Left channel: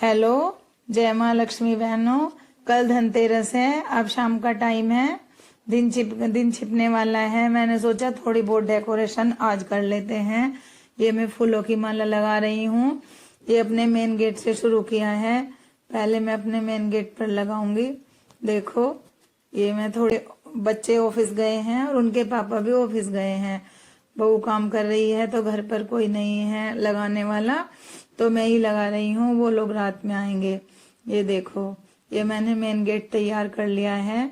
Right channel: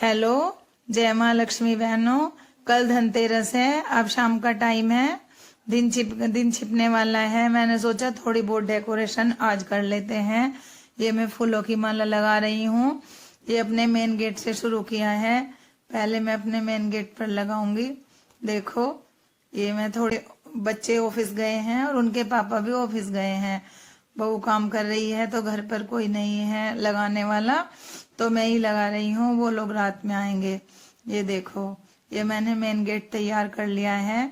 Hello, जय माँ लक्ष्मी बहनों। कल धनतेरस है, अब शाम का टाइम है, दिन छिपने वाला है। मैंने सोचा थोड़ी बहुत डेकोरेशन आज कर लेते हैं। ये मैं फूलों की माला लगा रही हूँ। ये अपने मेन गेट से शुरू किया है। पहले मैं अपने मेन गेट पर लगाऊंगी। देखो, ये मैं थोड़े बच्चे ऑफिस गए हैं और उनके पापा भी ऑफिस गए हैं। बहू काम कर रही है तो घर पर कोई नहीं है लगाने वाला, तो मैं ही लगा रही हूँ। वो लोग रात में आएंगे। ये देखो, ये मैंने मेन गेट तैयार कर लिया है।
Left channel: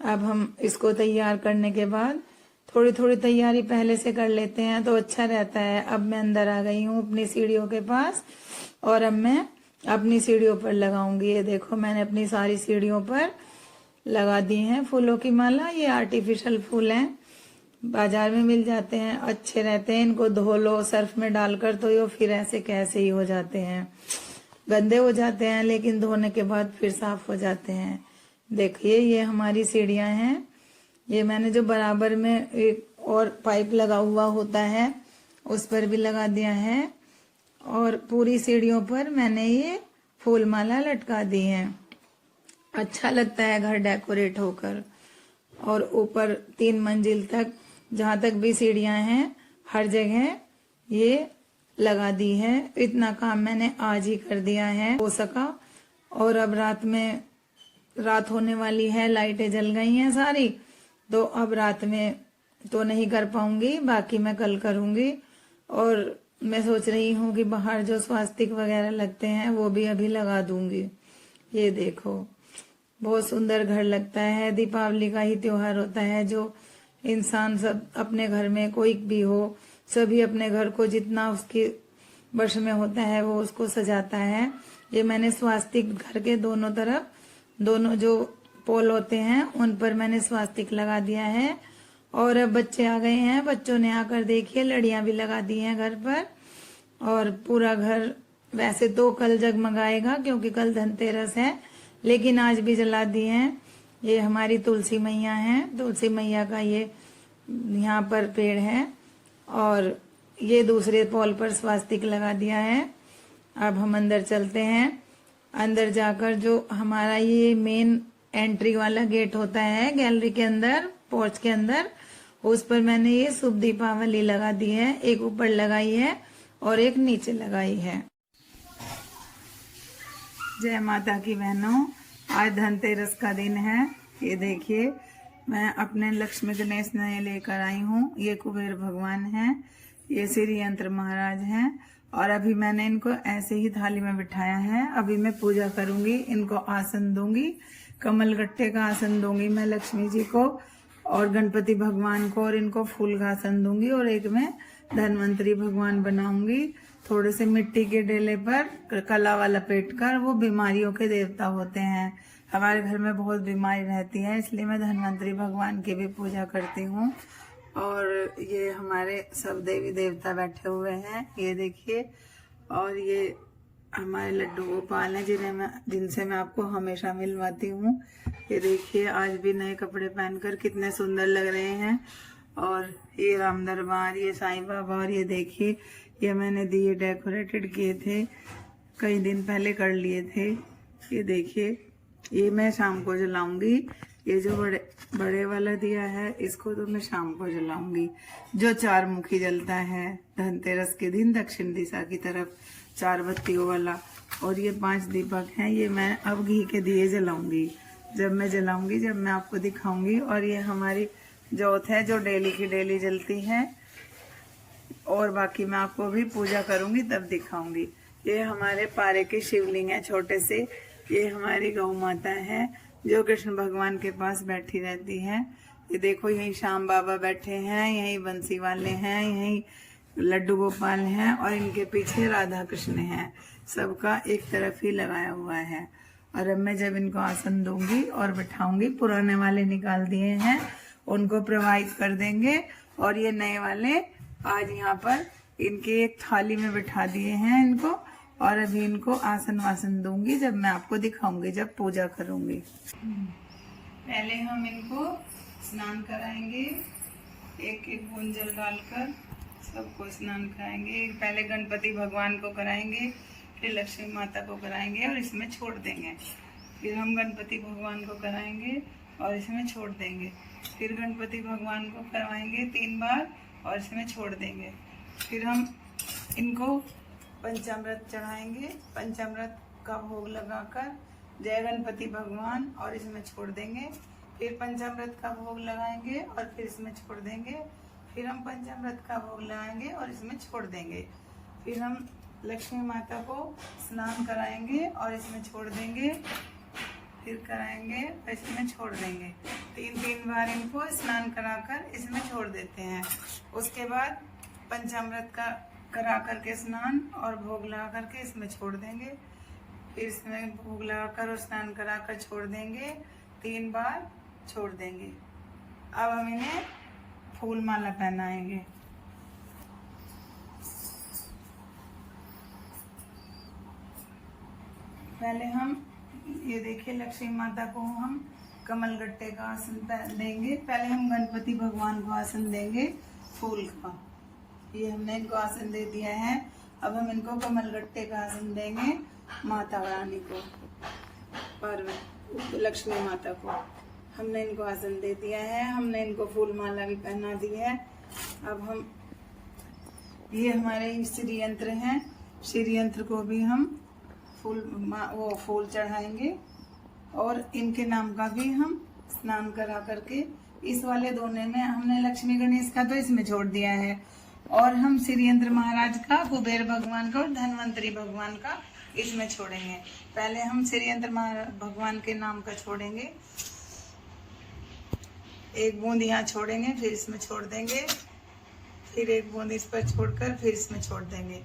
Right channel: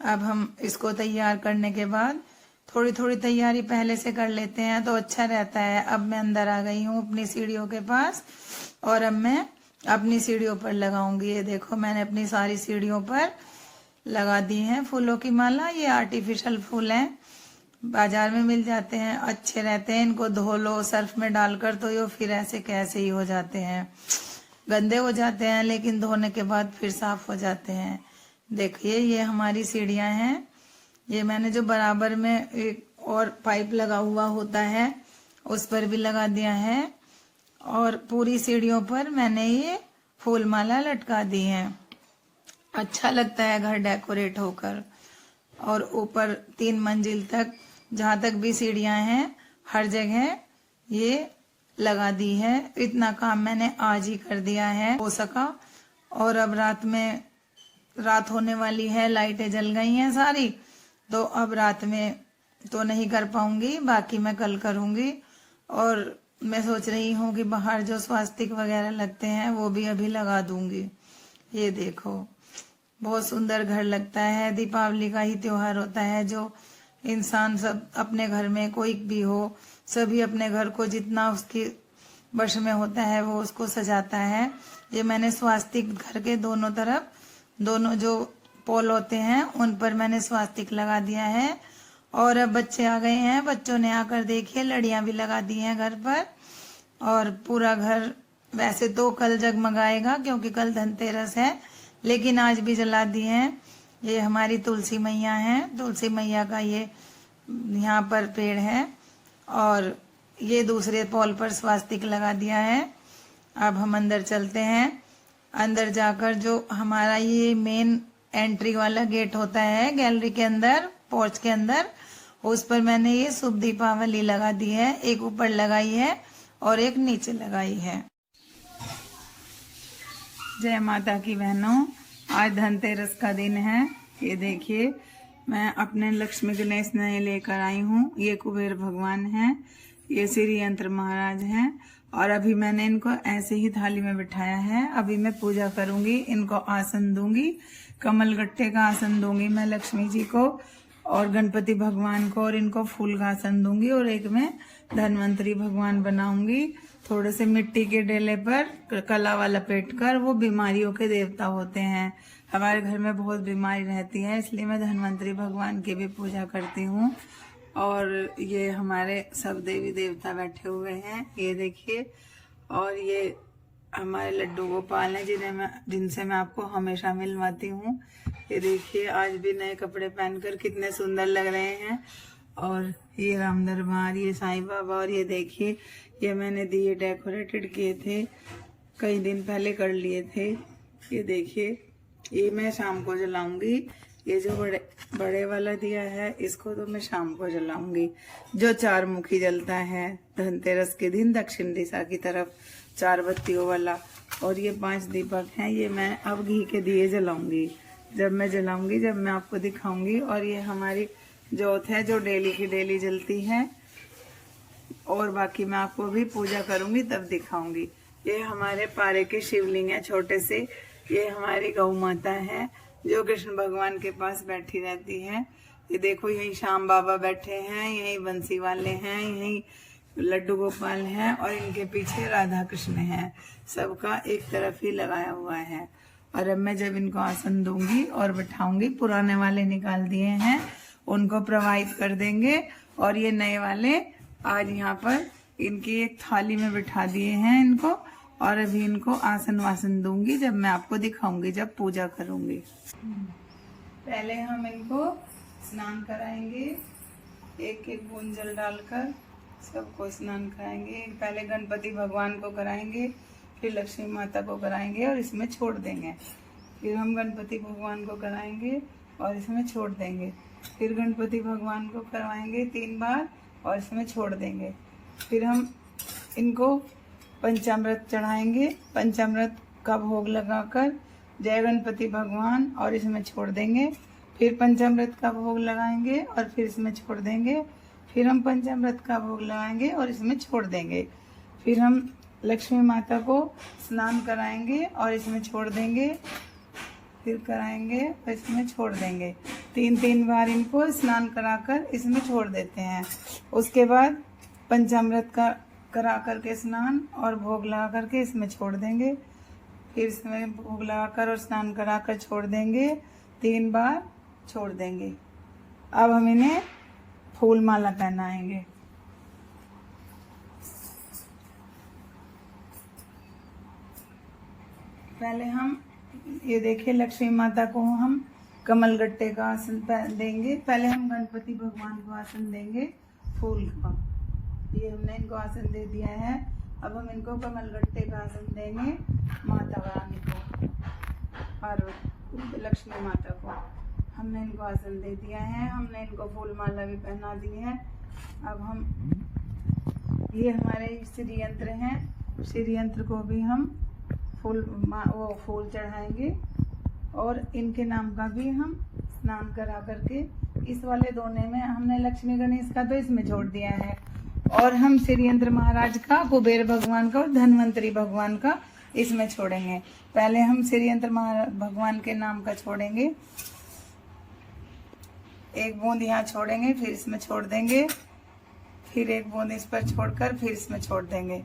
अब हम इसको तैयार करने के बाद थोड़ी थोड़ी तैयारी पहले से कर लेते हैं तो अच्छा रहता है। अब मैं अंदर आ गई हूँ अपनी सीढ़ियों के पास और अब मैं अपनी सीढ़ियों पर लगाऊंगी। ये देखो, मैंने अपनी सारी सीढ़ियों पर लगा दी है फूलों की माला। ये आर्टिफिशियल फूल हैं, बाजार में मिल जाते हैं, अच्छे रहते हैं। इनको धो लो सर्फ में डालकर तो ये फिर ऐसे कैसे ही हो जाते हैं, गंदे हो जाते हैं, लेकिन धोने के बाद फिर साफ हो जाते हैं। देखिए, ये हमारी सीढ़ियां हैं। ये मैंने जो बराबर में एक और पाइप लगा हुआ होता है उस पर भी लगा दिया है और पूरी सीढ़ियों पर मैंने ये फूल माला लटका दी है। अच्छा लगता है घर डेकोरेट होकर। और ऊपर 3 मंजिल तक जहां तक भी सीढ़ियां हैं हर जगह ये लगा दी है। इतना काम मैंने आज ही कर दिया है हो सका। और अब रात होने वाली है, लाइटें जल गई हैं सारी, तो अब रात में तो नहीं कर पाऊंगी, बाकी मैं कल करूंगी। और मैं सोच रही हूँ कि बाहर जो स्वास्तिक वगैरह लगते हैं वो भी अभी लगा दूंगी। ये देखो, बहुत सुंदर घर लगता है। दीपावली का ही त्योहार होता है जो इंसान सब अपने घर में कोई भी हो, सभी अपने घर को जितना उसके वश में होता है वो उसको सजाता है। ये मैंने स्वास्तिक घर के दोनों तरफ, दोनों जो पोल होते हैं उन पर मैंने स्वास्तिक लगा दिया है। और अब बच्चे आ गए हैं, बच्चों ने आकर देखिए लड़ियां भी लगा दी हैं घर पर। और पूरा घर वैसे तो कल जगमगाएगा क्योंकि कल धनतेरस है, लेकिन आज भी जला दिए हैं। ये हमारी तुलसी मैया हैं, तुलसी मैया का ये यहाँ पर पेड़ है और ये दूसरे पोल पर स्वास्तिक लगा दिया है। अब हम अंदर चलते हैं। अंदर जाकर जो हमारा ये मेन एंट्री वाला गेट होता है गैलरी के अंदर, पोर्च के अंदर, उस पर मैंने ये शुभ दीपावली लगा दी है। एक ऊपर लगाई है और एक नीचे लगाई है। जय माता की बहनों, आज धनतेरस का दिन है। ये देखिए, मैं अपने लक्ष्मी गणेश नए लेकर आई हूँ। ये कुबेर भगवान हैं, ये श्री यंत्र महाराज हैं। और अभी मैंने इनको ऐसे ही थाली में बिठाया है। अभी मैं पूजा करूंगी, इनको आसन दूंगी, कमल गट्टे का आसन दूंगी मैं लक्ष्मी जी को और गणपति भगवान को, और इनको फूल का आसन दूंगी। और एक मैं धनवंतरी भगवान बनाऊंगी थोड़े से मिट्टी के डेले पर कला वाला लपेट कर। वो बीमारियों के देवता होते हैं, हमारे घर में बहुत बीमारी रहती है, इसलिए मैं धनवंतरी भगवान की भी पूजा करती हूँ। और ये हमारे सब देवी देवता बैठे हुए हैं, ये देखिए। और ये हमारे लड्डू गोपाल हैं जिनसे मैं आपको हमेशा मिलवाती हूँ। ये देखिए, आज भी नए कपड़े पहनकर कितने सुंदर लग रहे हैं। और ये राम दरबार, ये साईं बाबा, और ये देखिए, ये मैंने दिए डेकोरेटेड किए थे, कई दिन पहले कर लिए थे। ये देखिए, ये मैं शाम को जलाऊंगी। ये जो बड़े वाला दिया है इसको तो मैं शाम को जलाऊंगी, जो 4 मुखी जलता है धनतेरस के दिन दक्षिण दिशा की तरफ, 4 बत्तियों वाला। और ये 5 दीपक हैं, ये मैं अब घी के दिए जलाऊंगी। जब मैं जलाऊंगी, जब मैं आपको दिखाऊंगी। और ये हमारी जोत है जो डेली की डेली जलती है। और बाकी मैं आपको भी पूजा करूंगी तब दिखाऊंगी। ये हमारे पारे के शिवलिंग है छोटे से। ये हमारी गौ माता है जो कृष्ण भगवान के पास बैठी रहती है। ये देखो, यहीं श्याम बाबा बैठे हैं, यहीं बंसी वाले हैं, यहीं लड्डू गोपाल हैं और इनके पीछे राधा कृष्ण हैं। सबका एक तरफ ही लगाया हुआ है। और अब मैं जब इनको आसन दूंगी और बिठाऊंगी, पुराने वाले निकाल दिए हैं, उनको प्रवाहित कर देंगे। और ये नए वाले आज यहाँ पर इनकी एक थाली में बिठा दिए हैं इनको। और अभी इनको आसन वासन दूंगी जब मैं आपको दिखाऊंगी, जब पूजा करूंगी। पहले हम इनको स्नान कराएंगे, एक एक बूंद जल डालकर सबको स्नान कराएंगे। पहले गणपति भगवान को कराएंगे, फिर लक्ष्मी माता को कराएंगे और इसमें छोड़ देंगे। फिर हम गणपति भगवान को कराएंगे और इसमें छोड़ देंगे। फिर गणपति भगवान को करवाएंगे 3 बार और इसमें छोड़ देंगे। फिर हम इनको पंचामृत चढ़ाएंगे। पंचामृत का भोग लगाकर जय गणपति भगवान और इसमें छोड़ देंगे। फिर पंचामृत का भोग लगाएंगे और फिर इसमें छोड़ देंगे। फिर हम पंचामृत का भोग लगाएंगे और इसमें छोड़ देंगे। फिर हम लक्ष्मी माता को स्नान कराएंगे और इसमें छोड़ देंगे। फिर कराएंगे और इसमें छोड़ देंगे। 3 बार इनको स्नान कराकर इसमें छोड़ देते हैं। उसके बाद पंचामृत का करा करके स्नान और भोग लगा करके इसमें छोड़ देंगे। फिर इसमें भोग लगाकर और स्नान कराकर छोड़ देंगे। 3 बार छोड़ देंगे। अब हम इन्हें फूल माला पहनाएंगे। पहले हम ये देखिए लक्ष्मी माता को हम कमल गट्टे का आसन देंगे। पहले हम गणपति भगवान को आसन देंगे फूल का। ये हमने इनको आसन दे दिया है। अब हम इनको कमल गट्टे का आसन देंगे माता रानी को, पार्वती लक्ष्मी माता को। हमने इनको आसन दे दिया है। हमने इनको फूल माला भी पहना दी है। अब हम ये हमारे श्री यंत्र हैं। श्री यंत्र को भी हम फूल चढ़ाएंगे और इनके नाम का भी हम स्नान करा करके इस वाले दोने में हमने लक्ष्मी गणेश का तो इसमें छोड़ दिया है और हम श्री यंत्र महाराज का, कुबेर भगवान का और धनवंतरी भगवान का इसमें छोड़ेंगे। पहले हम श्री यंत्र भगवान के नाम का छोड़ेंगे। 1 बूंद यहाँ छोड़ेंगे, फिर इसमें छोड़ देंगे। फिर 1 बूंद इस पर छोड़कर फिर इसमें छोड़ देंगे।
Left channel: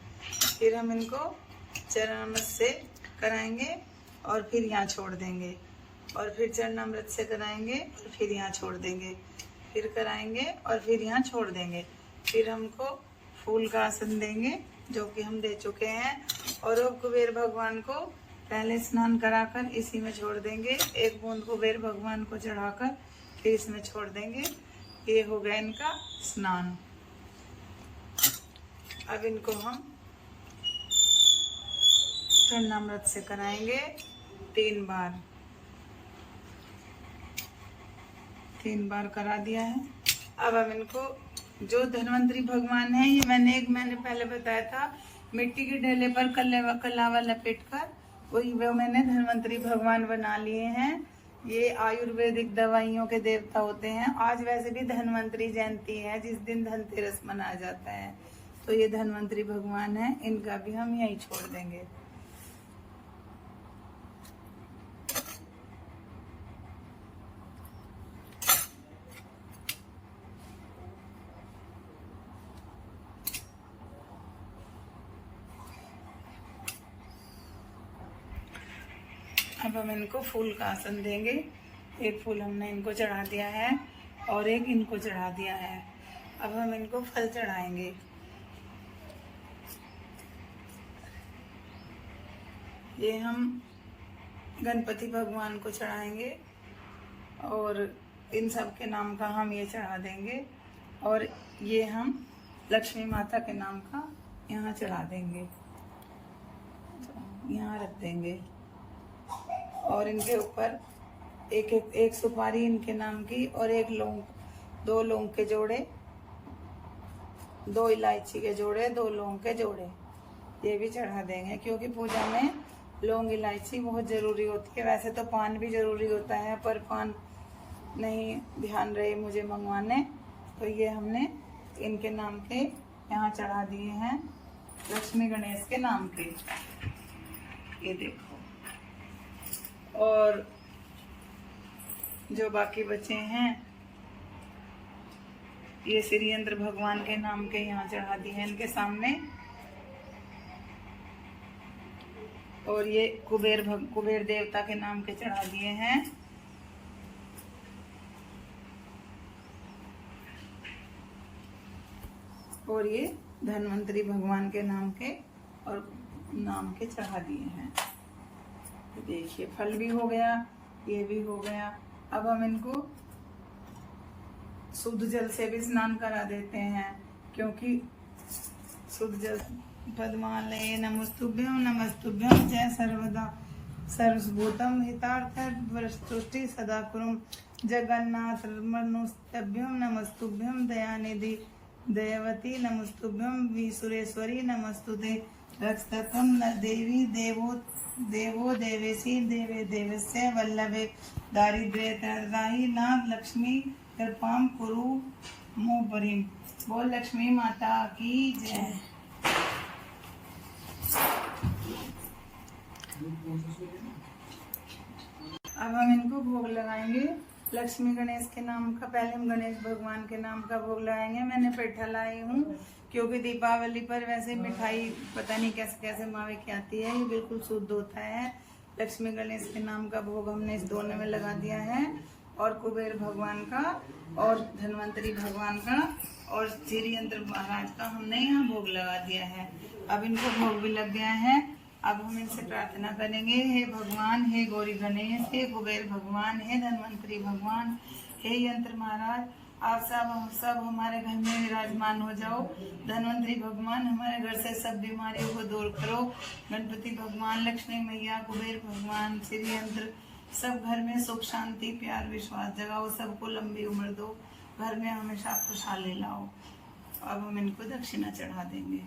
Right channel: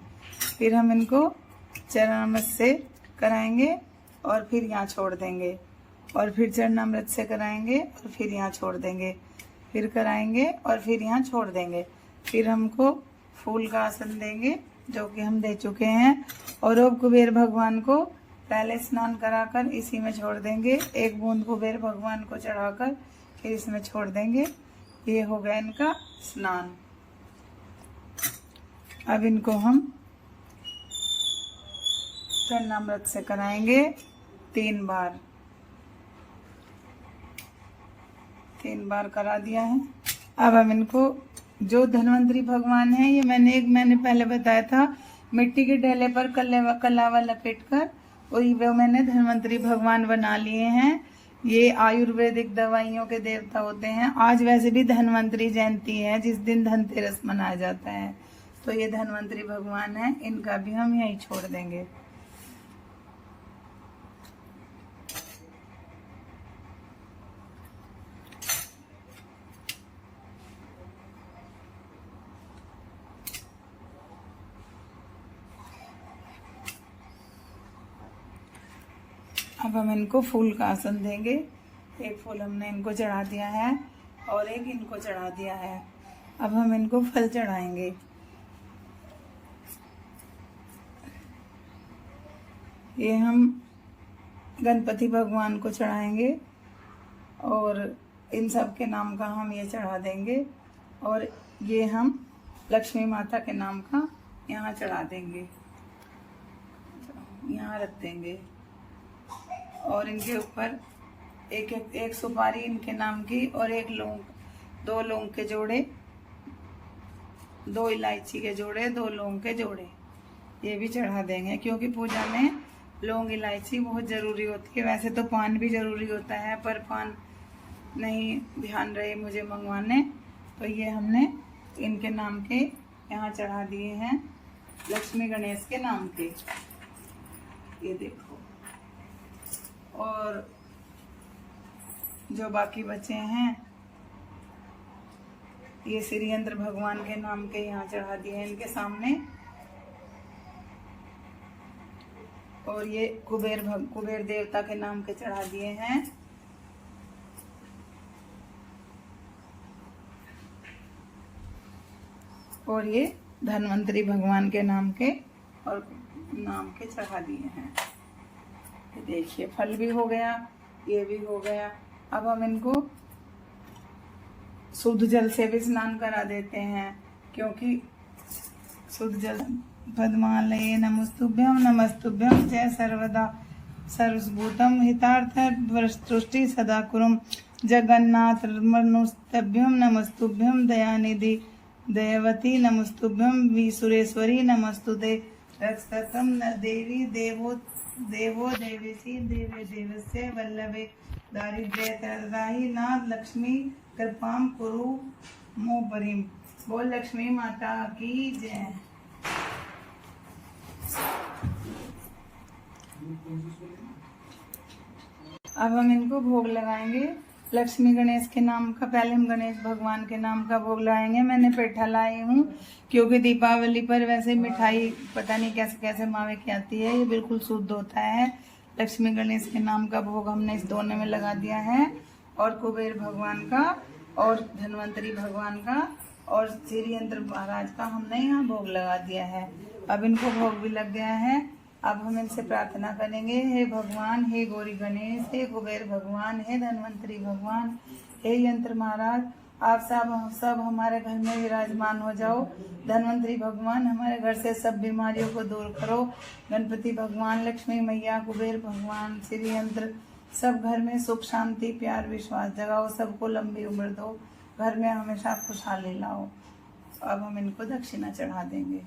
फिर हम इनको चरणामृत से कराएंगे और फिर यहाँ छोड़ देंगे और फिर चरणामृत से कराएंगे और फिर यहाँ छोड़ देंगे। फिर कराएंगे और फिर यहाँ छोड़ देंगे। फिर हमको फूल का आसन देंगे जो कि हम दे चुके हैं और अब कुबेर भगवान को पहले स्नान कराकर इसी में छोड़ देंगे। 1 बूंद कुबेर भगवान को चढ़ाकर फिर इसमें छोड़ देंगे। ये हो गया इनका स्नान। अब इनको हम चरणामृत से कराएंगे 3 बार। 3 बार करा दिया है। अब हम इनको जो धनवंतरी भगवान है, ये मैंने पहले बताया था, मिट्टी के ढेले पर कलावा लपेट कर वही मैंने धनवंतरी भगवान बना लिए हैं। ये आयुर्वेदिक दवाइयों के देवता होते हैं। आज वैसे भी धनवंतरी जयंती है जिस दिन धनतेरस मनाया जाता है, तो ये धनवंतरी भगवान है। इनका भी हम यहीं छोड़ देंगे। अब हम इनको फूल का आसन देंगे। 1 फूल हमने इनको चढ़ा दिया है और 1 इनको चढ़ा दिया है। अब हम इनको फल चढ़ाएंगे। ये हम गणपति भगवान को चढ़ाएंगे और इन सब के नाम का हम ये चढ़ा देंगे और ये हम लक्ष्मी माता के नाम का यहाँ चढ़ा देंगे, यहाँ रख देंगे। और इनके ऊपर एक सुपारी इनके नाम की और 1 लौंग, 2 लौंग के जोड़े, 2 इलायची के जोड़े, 2 लौंग के जोड़े ये भी चढ़ा देंगे, क्योंकि पूजा में लौंग इलायची बहुत ज़रूरी होती है। वैसे तो पान भी ज़रूरी होता है, पर पान नहीं ध्यान रहे मुझे मंगवाने, तो ये हमने इनके नाम के यहाँ चढ़ा दिए हैं, लक्ष्मी गणेश के नाम के। ये देखो। और जो बाकी बचे हैं ये श्री यंत्र भगवान के नाम के यहाँ चढ़ा दिए हैं इनके सामने। और ये कुबेर देवता के नाम के चढ़ा दिए हैं। और ये धनवंतरी भगवान के नाम के चढ़ा दिए हैं। देखिए फल भी हो गया, ये भी हो गया। अब हम इनको शुद्ध जल से भी स्नान करा देते हैं, क्योंकि शुद्ध जल पद्मालये नमस्तुभ्यं नमस्तुभ्यं जय सर्वदा सर्वभूतं हितार्थ तुष्टि सदा कुरुम जगन्नाथ मनुस्तभ्यं नमस्तुभ्यं दयानिधि दयवती नमस्तुभ्यं सुरेश्वरी नमस्तुते रक्षतम देवी देवो देवेशी देवे देवस्य वल्लभे दारिद्र्यत्राहि नाथ लक्ष्मी कृपाम कुरु मोपरिम। बोल लक्ष्मी माता की जय। अब हम इनको भोग लगाएंगे लक्ष्मी गणेश के नाम का। पहले हम गणेश भगवान के नाम का भोग लगाएंगे। मैंने पेठा लाई हूँ क्योंकि दीपावली पर वैसे मिठाई पता नहीं कैसे कैसे मावे की आती है, ये बिल्कुल शुद्ध होता है। लक्ष्मी गणेश के नाम का भोग हमने इस दोनों में लगा दिया है, और कुबेर भगवान का और धन्वंतरी भगवान का और श्री यंत्र महाराज का हमने यहाँ भोग लगा दिया है। अब इनका भोग भी लग गया है। अब हम इनसे प्रार्थना करेंगे, हे भगवान, हे गौरी गणेश, हे कुबेर भगवान, हे धन्वंतरी भगवान, हे यंत्र महाराज, आप सब हमारे घर में विराजमान हो जाओ। धन्वंतरी भगवान हमारे घर से सब बीमारियों को दूर करो। गणपति भगवान, लक्ष्मी मैया, कुबेर भगवान, श्री यंत्र, सब घर में सुख शांति प्यार विश्वास जगाओ। सबको लंबी उम्र दो, घर में हमेशा खुशहाली लाओ। अब हम इनको दक्षिणा चढ़ा देंगे।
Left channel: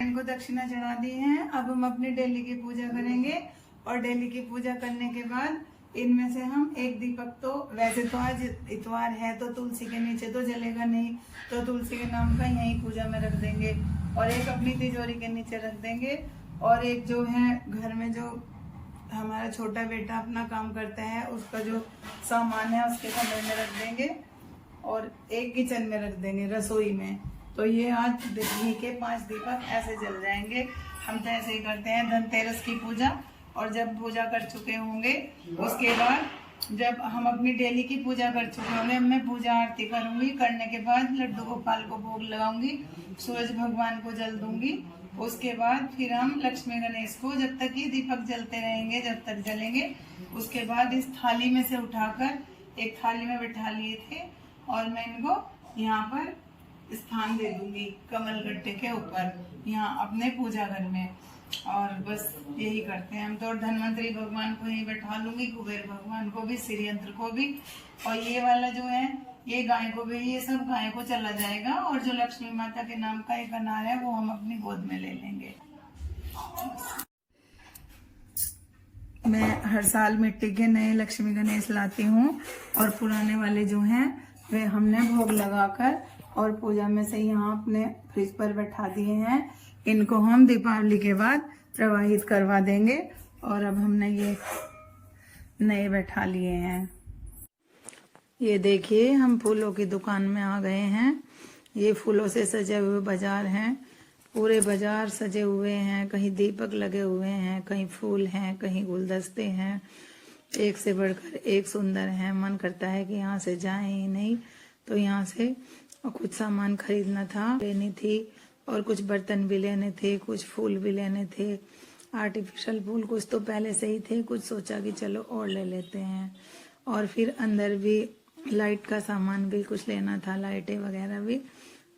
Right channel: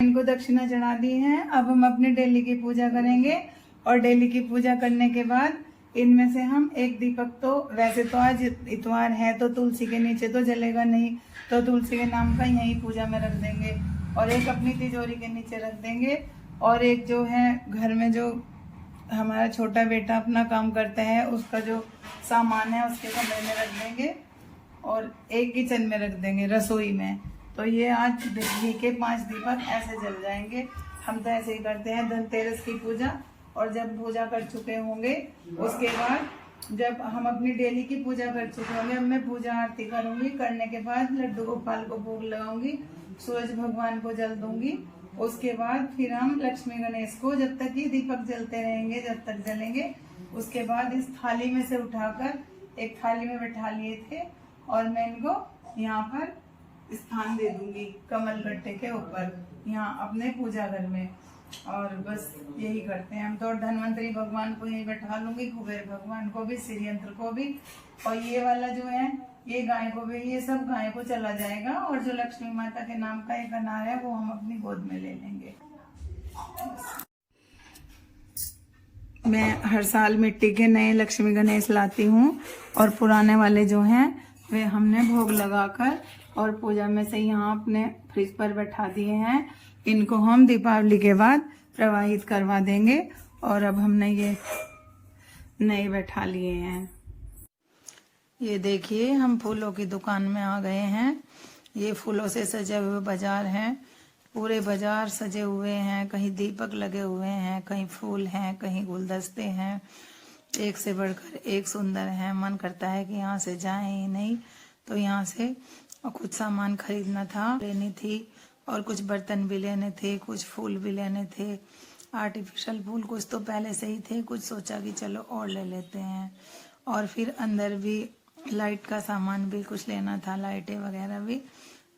इनको दक्षिणा चढ़ा दी है। अब हम अपनी डेली की पूजा करेंगे, और डेली की पूजा करने के बाद इनमें से हम एक दीपक, तो वैसे तो आज इतवार है तो तुलसी के नीचे तो जलेगा नहीं, तो तुलसी के नाम का यही पूजा में रख देंगे, और एक अपनी तिजोरी के नीचे रख देंगे, और एक जो है घर में जो हमारा छोटा बेटा अपना काम करता है उसका जो सामान है उसके कमरे में रख देंगे, और एक किचन में रख देंगे रसोई में। तो ये आज बिजली के 5 दीपक ऐसे जल जाएंगे। हम तो ऐसे ही करते हैं धनतेरस की पूजा, और जब पूजा कर चुके होंगे उसके बाद जब हम अपनी डेली की पूजा कर चुके होंगे, मैं पूजा आरती करूंगी, करने के बाद लड्डू गोपाल को भोग लगाऊंगी, सूरज भगवान को जल दूंगी। उसके बाद फिर हम लक्ष्मी गणेश को, जब तक ये दीपक जलते रहेंगे, जब तक जलेंगे, उसके बाद इस थाली में से उठाकर एक थाली में बैठा लिए थे, और मैं इनको यहाँ पर स्थान दे दूंगी कमल गट्टे के ऊपर, यहाँ अपने पूजा घर में। और बस यही करते हैं हम तो। और धन्वंतरी भगवान को यही बैठा लूंगी, कुबेर भगवान को भी, श्री यंत्र को भी, और ये वाला जो है ये गाय को भी, ये सब गाय को चला जाएगा। और जो लक्ष्मी माता के नाम का एक अनार है वो हम अपनी गोद में ले लेंगे। मैं हर साल मिट्टी के नए लक्ष्मी गणेश लाती हूँ, और पुराने वाले जो हैं वे हमने भोग लगाकर और पूजा में से यहाँ अपने फ्रिज पर बैठा दिए हैं। इनको हम दीपावली के बाद प्रवाहित करवा देंगे, और अब हमने ये नए बैठा लिए हैं। ये देखिए हम फूलों की दुकान में आ गए हैं। ये फूलों से सजे हुए बाजार हैं, पूरे बाजार सजे हुए हैं, कहीं दीपक लगे हुए हैं, कहीं फूल हैं, कहीं गुलदस्ते हैं, एक से बढ़कर एक सुंदर हैं। मन करता है कि यहाँ से जाएं ही नहीं, तो यहाँ से कुछ सामान खरीदना था, लेनी थी, और कुछ बर्तन भी लेने थे, कुछ फूल भी लेने थे, आर्टिफिशियल फूल कुछ तो पहले से ही थे, कुछ सोचा कि चलो और ले लेते हैं। और फिर अंदर भी लाइट का सामान भी कुछ लेना था, लाइटें वगैरह भी।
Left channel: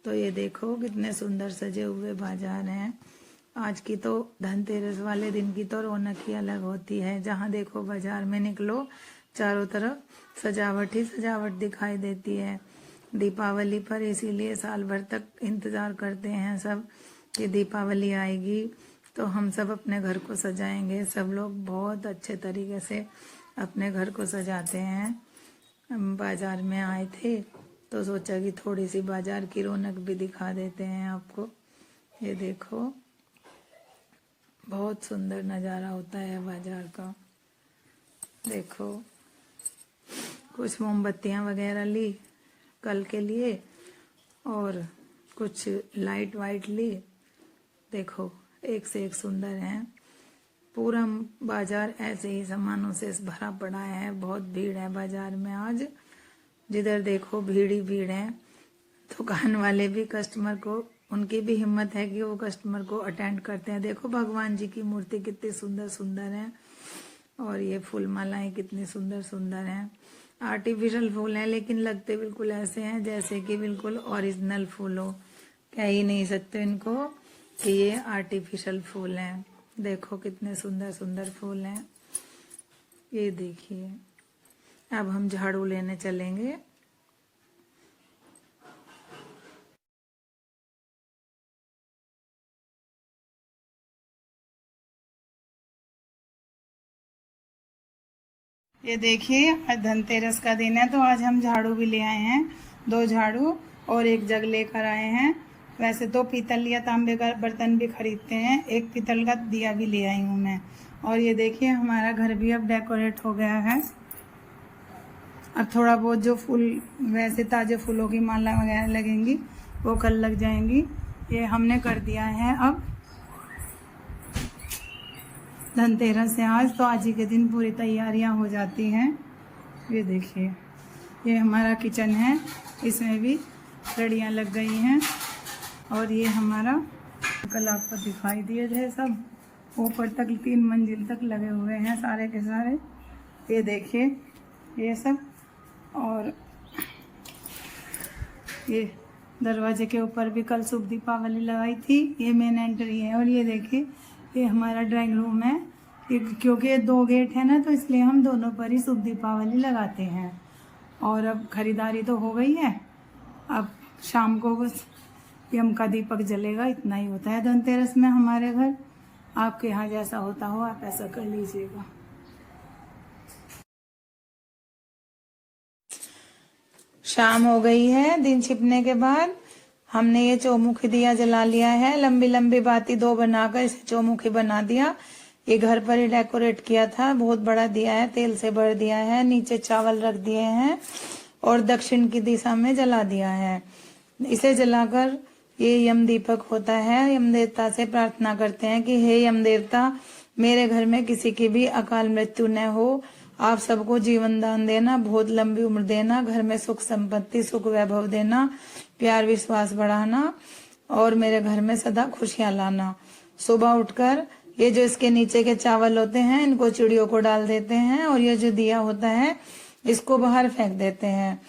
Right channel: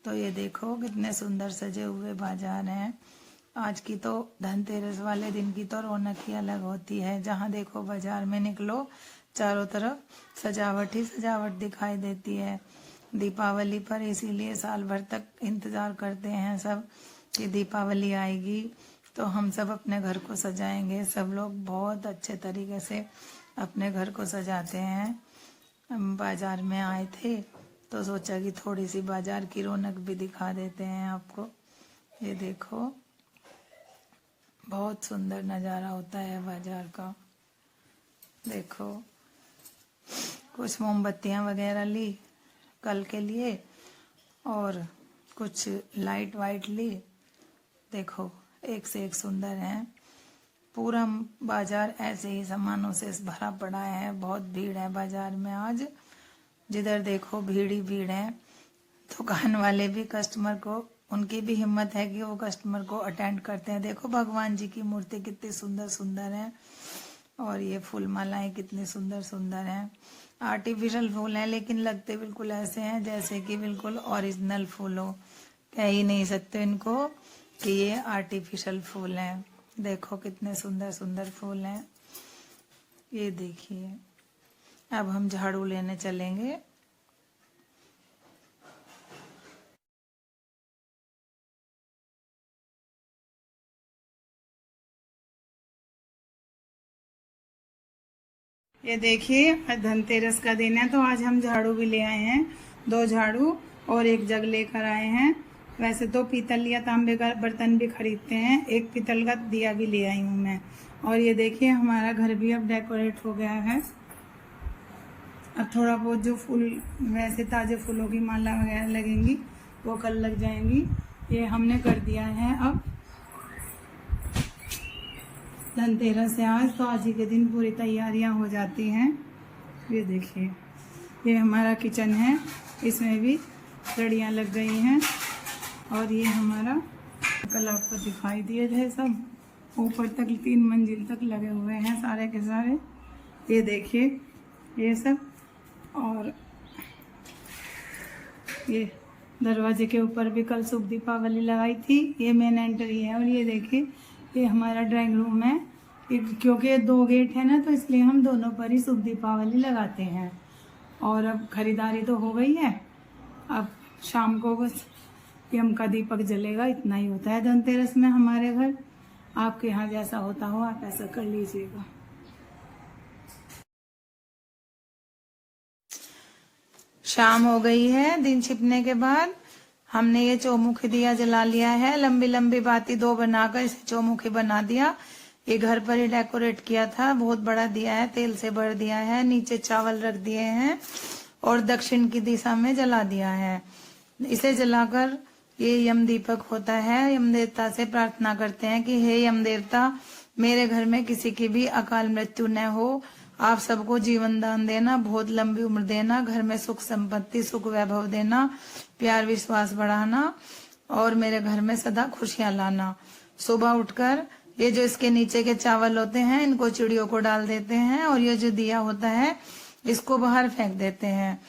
तो ये देखो कितने सुंदर सजे हुए बाजार हैं। आज की तो धनतेरस वाले दिन की तो रौनक ही अलग होती है। जहाँ देखो बाजार में निकलो, चारों तरफ सजावट ही सजावट दिखाई देती है दीपावली पर। इसीलिए साल भर तक इंतजार करते हैं सब कि दीपावली आएगी तो हम सब अपने घर को सजाएंगे। सब लोग बहुत अच्छे तरीके से अपने घर को सजाते हैं। हम बाजार में आए थे तो सोचा कि थोड़ी सी बाजार की रौनक भी दिखा देते हैं आपको। ये देखो बहुत सुंदर नज़ारा होता है बाजार का। देखो कुछ मोमबत्तियाँ वगैरह ली कल के लिए, और कुछ लाइट वाइट ली। देखो एक से एक सुंदर है। पूरा बाजार ऐसे ही सामानों से भरा पड़ा है। बहुत भीड़ है बाजार में आज, जिधर देखो भीड़ ही भीड़ है। दुकान वाले भी कस्टमर को, उनकी भी हिम्मत है कि वो कस्टमर को अटेंड करते हैं। देखो भगवान जी की मूर्ति कितनी सुंदर सुंदर है, और ये फूल मालाएं कितनी सुंदर सुंदर हैं। आर्टिफिशियल फूल हैं, लेकिन लगते बिल्कुल ऐसे हैं जैसे कि बिल्कुल ओरिजिनल फूल हो। कह ही नहीं सकते इनको कि ये आर्टिफिशियल फूल हैं। देखो कितने सुंदर सुंदर फूल हैं। ये देखिए, अब हम झाड़ू लेने चलेंगे। ये देखिए, आज धनतेरस का दिन है, तो आज हम झाड़ू भी ले आए हैं। 2 झाड़ू और 1 जग लेकर आए हैं। वैसे तो पीतल या तांबे का बर्तन भी खरीदते हैं। 1 पीतल का दिया भी ले आई हूँ मैं। और ये देखिए, हमारा घर भी अब डेकोरेट हो गया है। अब थोड़ा बहुत जो फूल, वैसे ताजे फूलों की माला वगैरह लगेंगी, वो कल लग जाएंगी। ये हमने कर दिया है अब। धनतेरस है आज, तो आज ही के दिन पूरी तैयारियां हो जाती हैं। ये देखिए, ये हमारा किचन है, इसमें भी लड़ियाँ लग गई हैं। और ये हमारा, कल आपको दिखाई दिए थे, सब ऊपर तक 3 मंजिल तक लगे हुए हैं सारे के सारे। ये देखिए, ये सब। और ये दरवाजे के ऊपर भी कल शुभ दीपावली लगाई थी। ये मेन एंट्री है। और ये देखिए, ये हमारा ड्राइंग रूम है। क्योंकि 2 गेट है ना, तो इसलिए हम दोनों पर ही शुभ दीपावली लगाते हैं। और अब खरीदारी तो हो गई है, अब शाम को बस यम का दीपक जलेगा। इतना ही होता है धनतेरस में हमारे घर। आपके यहाँ जैसा होता हो, आप ऐसा कर लीजिएगा। शाम हो गई है। दिन छिपने के बाद हमने ये चौमुखी दिया जला लिया है। लंबी लंबी बाती 2 बनाकर इसे चौमुखी बना दिया। ये घर पर ही डेकोरेट किया था। बहुत बड़ा दिया है, तेल से भर दिया है। नीचे चावल रख दिए हैं और दक्षिण की दिशा में जला दिया है। इसे जलाकर ये यम दीपक होता है। यम देवता से प्रार्थना करते हैं कि हे यम देवता, मेरे घर में किसी की भी अकाल मृत्यु न हो। आप सबको जीवन दान देना, बहुत लंबी उम्र देना, घर में सुख संपत्ति सुख वैभव देना, प्यार विश्वास बढ़ाना और मेरे घर में सदा खुशियां लाना। सुबह उठकर ये जो इसके नीचे के चावल होते हैं, इनको चिड़ियों को डाल देते हैं और ये जो दिया होता है इसको बाहर फेंक देते हैं।